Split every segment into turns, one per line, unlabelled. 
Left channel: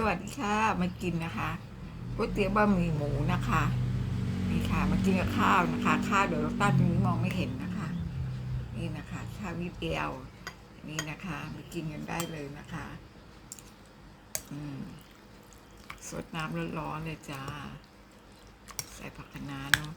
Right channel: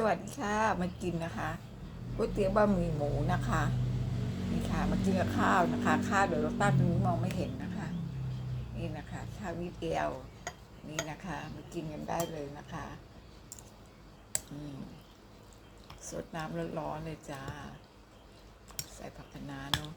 สวัสดีค่ะ มากินนะคะก๋วยเตี๋ยวบะหมี่หมูนะคะนี่ค่ะมากินกับข้าวนะคะ ข้าวเดี๋ยวเราตั้งตรงนี้มองไม่เห็นนะคะ นี่นะคะข้าวนิดเดียวนี่นะคะมากินกันได้เลยนะคะอืมสดน้ำร้อนๆเลยจ้า ใส่ผักคะน้าเนาะ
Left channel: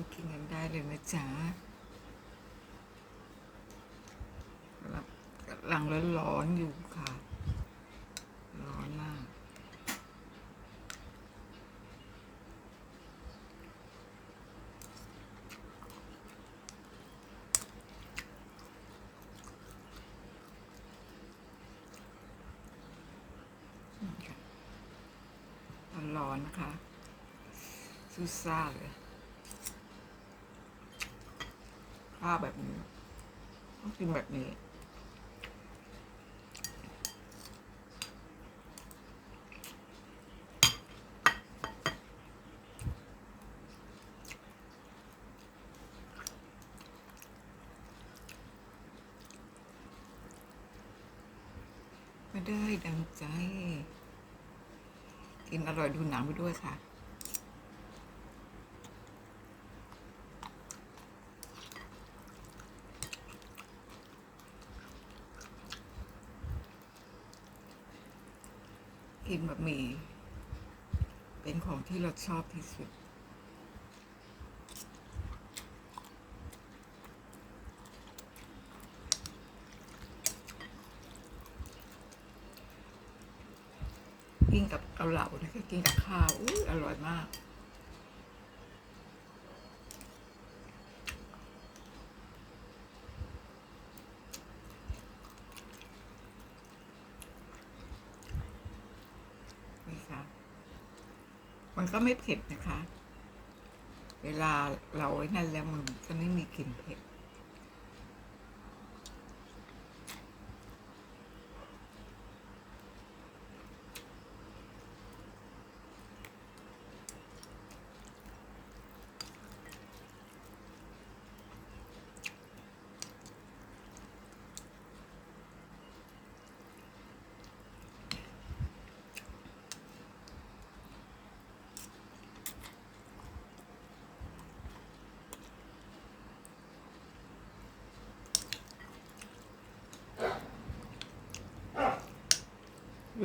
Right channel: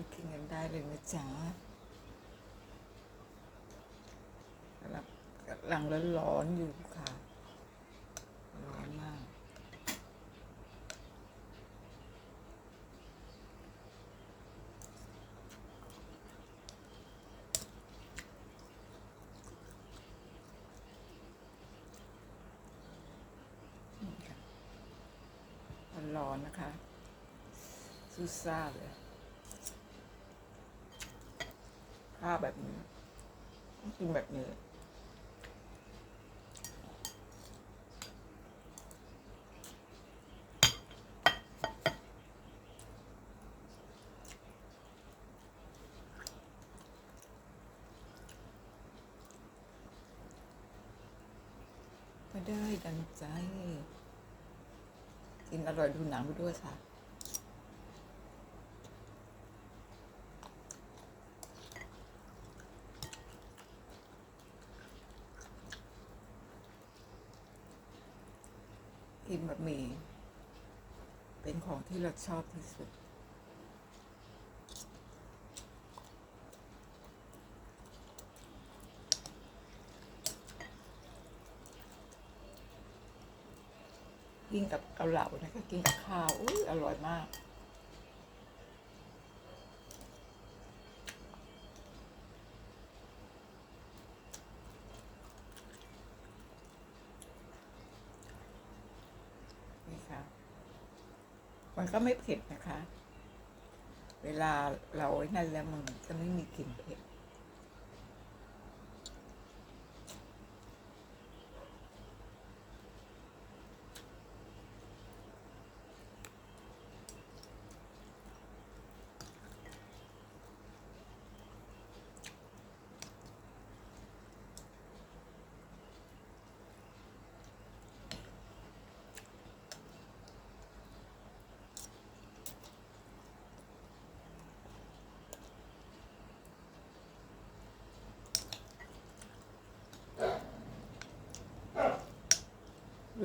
มากินกันได้ เลยนะจ๊ะกำลังกำลังร้อนๆอยู่ค่ะ ร้อนมาก ร้อนๆนะคะซูซ่าเลย ข้าวแบบนี้ต้องกินแบบนี้ ไม่ได้ดังใจ กินอร่อยดูหนังไปด้วยค่ะ กินบะหมี่เป็นของที่เราชอบที่สุด กินกับเกาเหลานะคะกินกับข้าวอุ้ยอร่อยมาก นี่ค่ะ มันก็ไม่เผ็ดนะคะ เวลาเราไอ้นั่นแล้วมันก็ไม่มีกลิ่นเผ็ด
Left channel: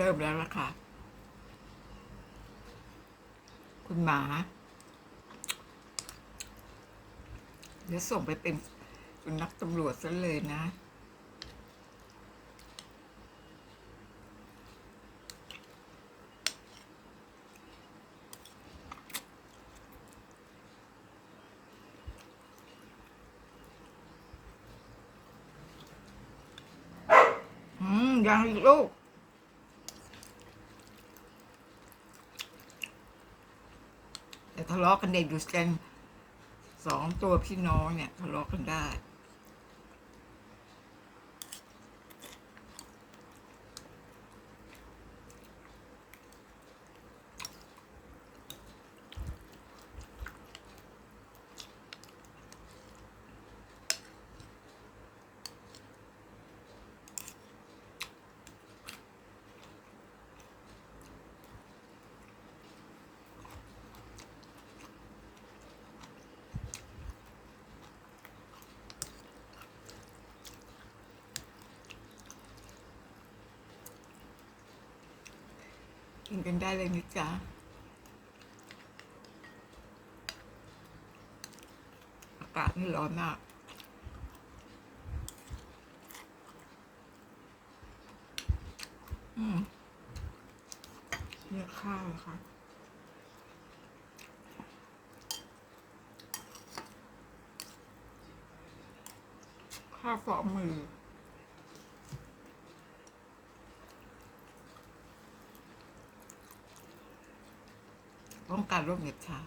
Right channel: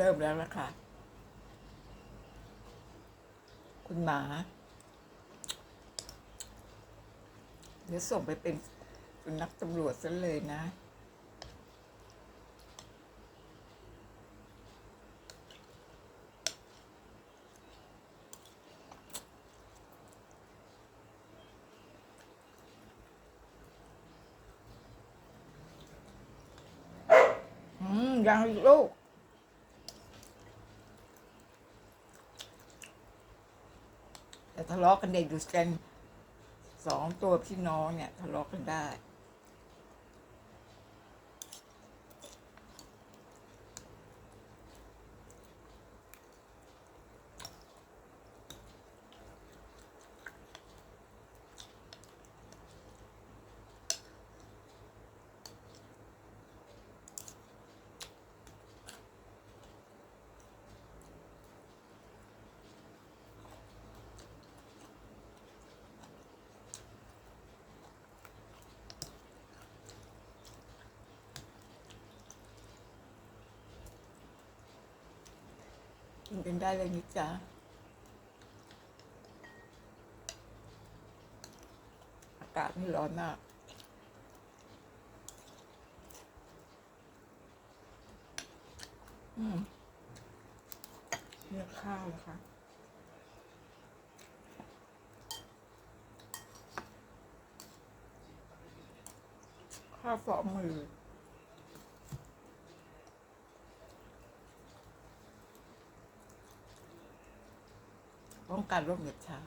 ริ่มแล้วล่ะค่ะ คุณหมา เดี๋ยวส่งไปเป็นคุณนักตำรวจซะเลยนะยังอี แต่ทะเลาะกันเด็กอยู่กันสองตัวพี่น้องเนี่ยทะเลาะกันได้ กินกันได้เลยนะจ๊ะอากาศนี่ร้อนมากอืมเนี่ยข้าวค่ะข้าวฝ่อมือ ป้อง กันโรคเหน็บชา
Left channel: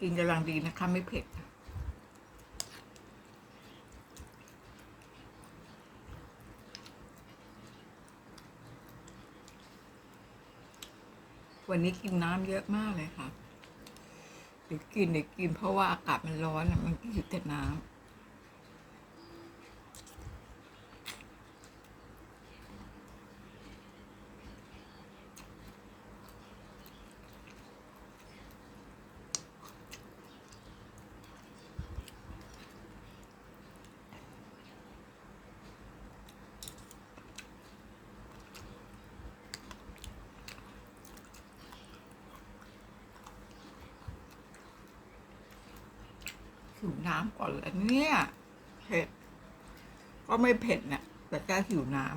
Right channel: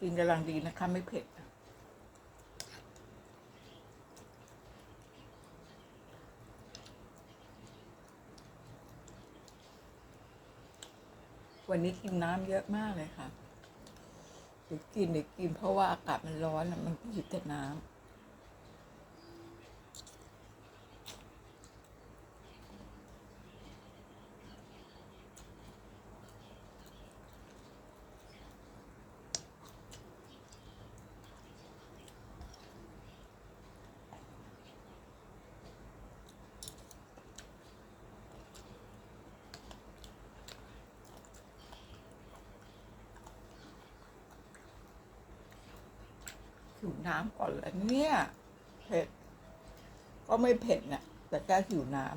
กินกำลังดีนะคะ ไม่เผ็ด วันนี้กินน้ำเยอะมากเลยค่ะเดี๋ยวกินเดี๋ยวกินเพราะว่าอากาศมันร้อนอะมันกินแต่น้ำ หิวน้ำก่อนแล้วเนี่ยเผ็ด ก็ไม่เผ็ดเนี่ยแต่ก็หิวน้ำ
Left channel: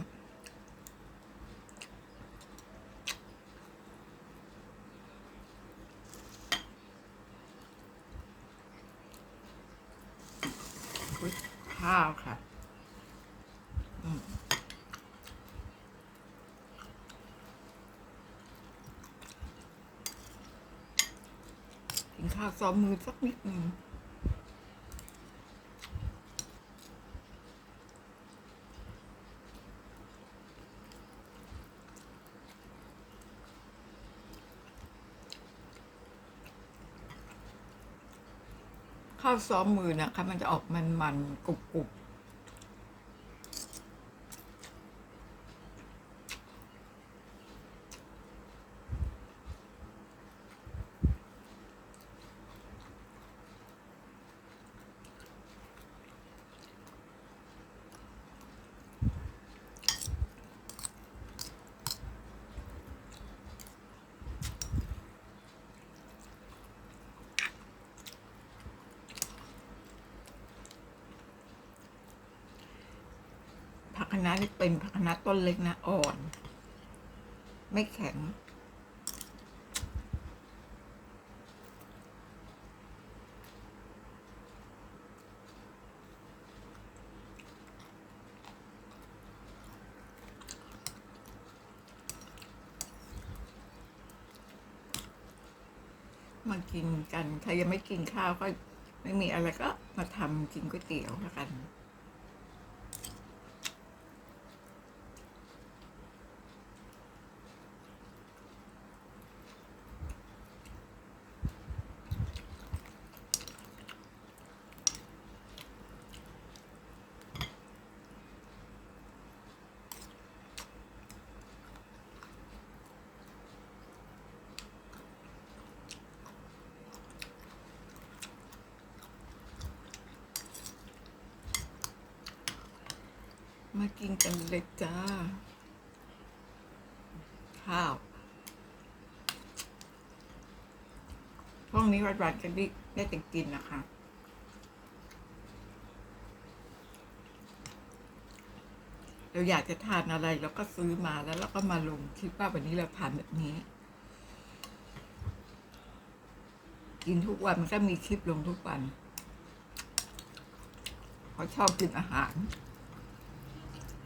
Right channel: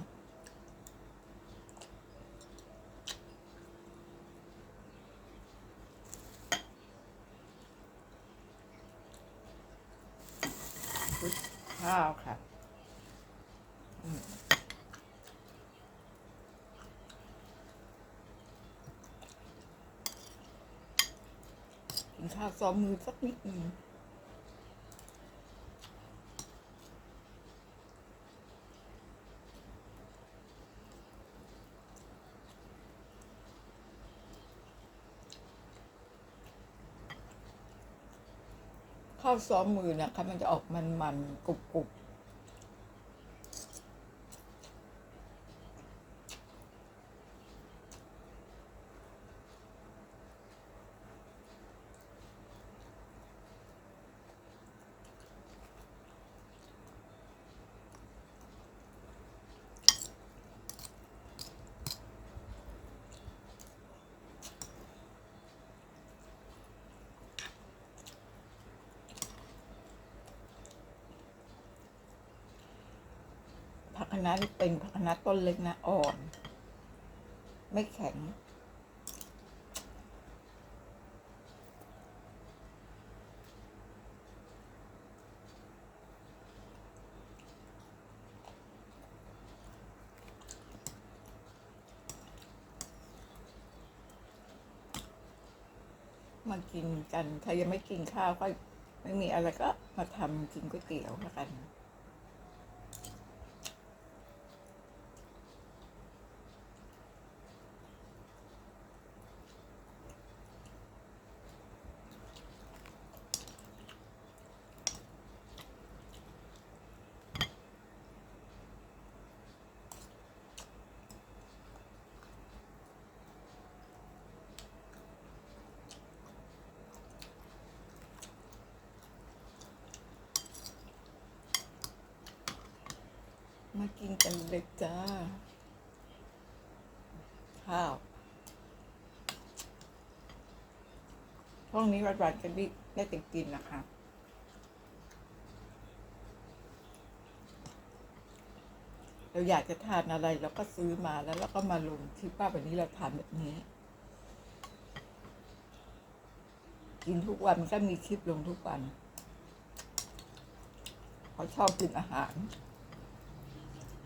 ข้าวค่ะกินข้าวซ้อมมือสักนิดหนึ่ง ข้าวซ้อมมือนะคะมันจะออกมันมันๆกรุบ กรุบผักคะน้านี่เป็นผักคะน้าต้นเล็กนะอ่อน ไม่แข็ง มากินกันใครยังไม่กินข้าวก็ไม่มีอะไรก็มาทำกินก๋วยเตี๋ยวแล้วกัน มากินกันเลยจ้า ข้าวช่วงนี้หวันๆกันดิได้แต่กินนะคะเราอยากจะทานอะไรเราก็ซื้อมาแล้วเราก็มาลงคลิปว่าวันนี้เราทานแบบนี้ กินทุกวันมันก็มีคลิปลงทุกวันเขาชอบกินอาหาร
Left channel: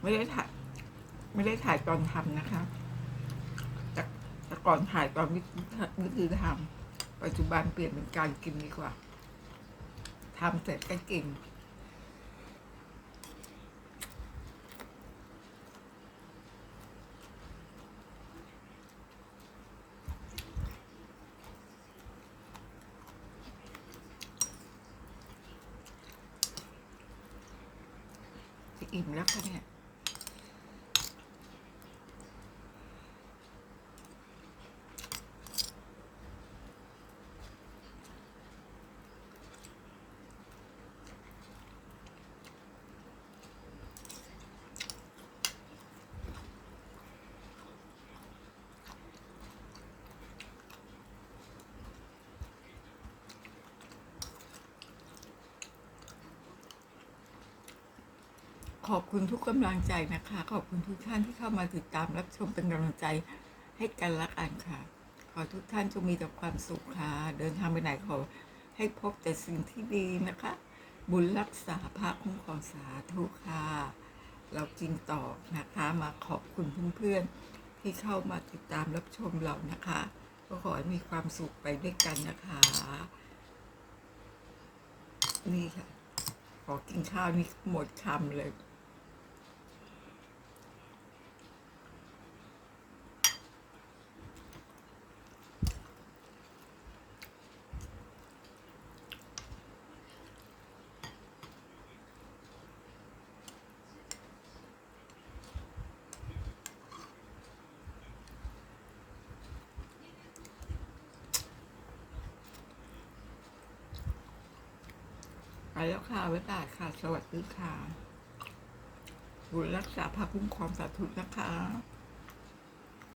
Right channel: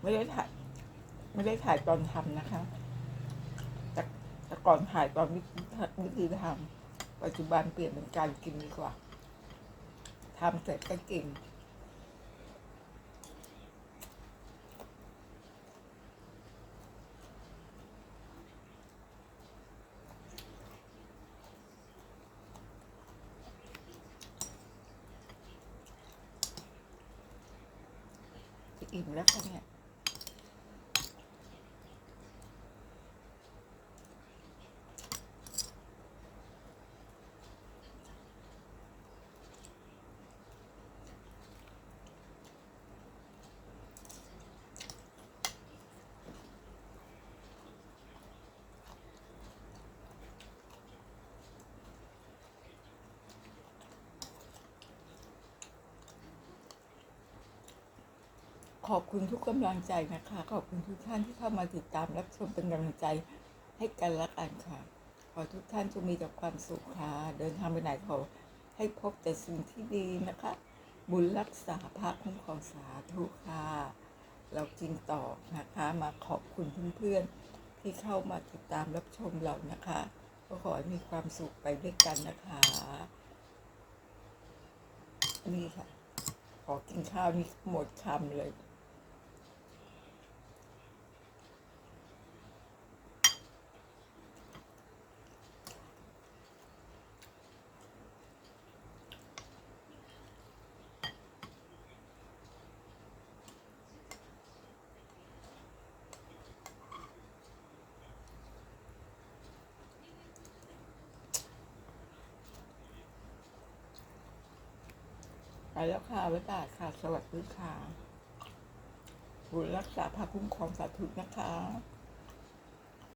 ไม่ได้ถ่ายไม่ได้ถ่ายตอนทำนะคะแต่แต่ก่อนถ่ายตอนวิธีทำปัจจุบันเปลี่ยนเป็นการกินดีกว่าทำเสร็จก็กินอิ่มแล้วค่ะเนี่ย ขอบคุณทุกกำลังใจนะคะ ขอบคุณทุกท่านที่เข้ามาติดตามรับชมเป็นกำลังใจให้กันและกันค่ะ ขอทุกท่านจงมีแต่ความสุขค่ะ เดินทางไปไหนขอให้พบแต่สิ่งที่ดีนะคะ บุญรักษาภาคคุ้มครองสาธุค่ะ เรากินต่อนะคะมาขอบคุณเพื่อนๆที่เข้ามาติดตามรับชมเรานะคะ ก็ขอให้มีความสุขไปด้วยกันนะคะ นี่ค่ะ ขอกินข้าวนี่หมดคำเลย แล้วค่ะไว้บายค่ะ สวัสดีค่ะบุญรักษาพระคุ้มครองสาธุนะคะ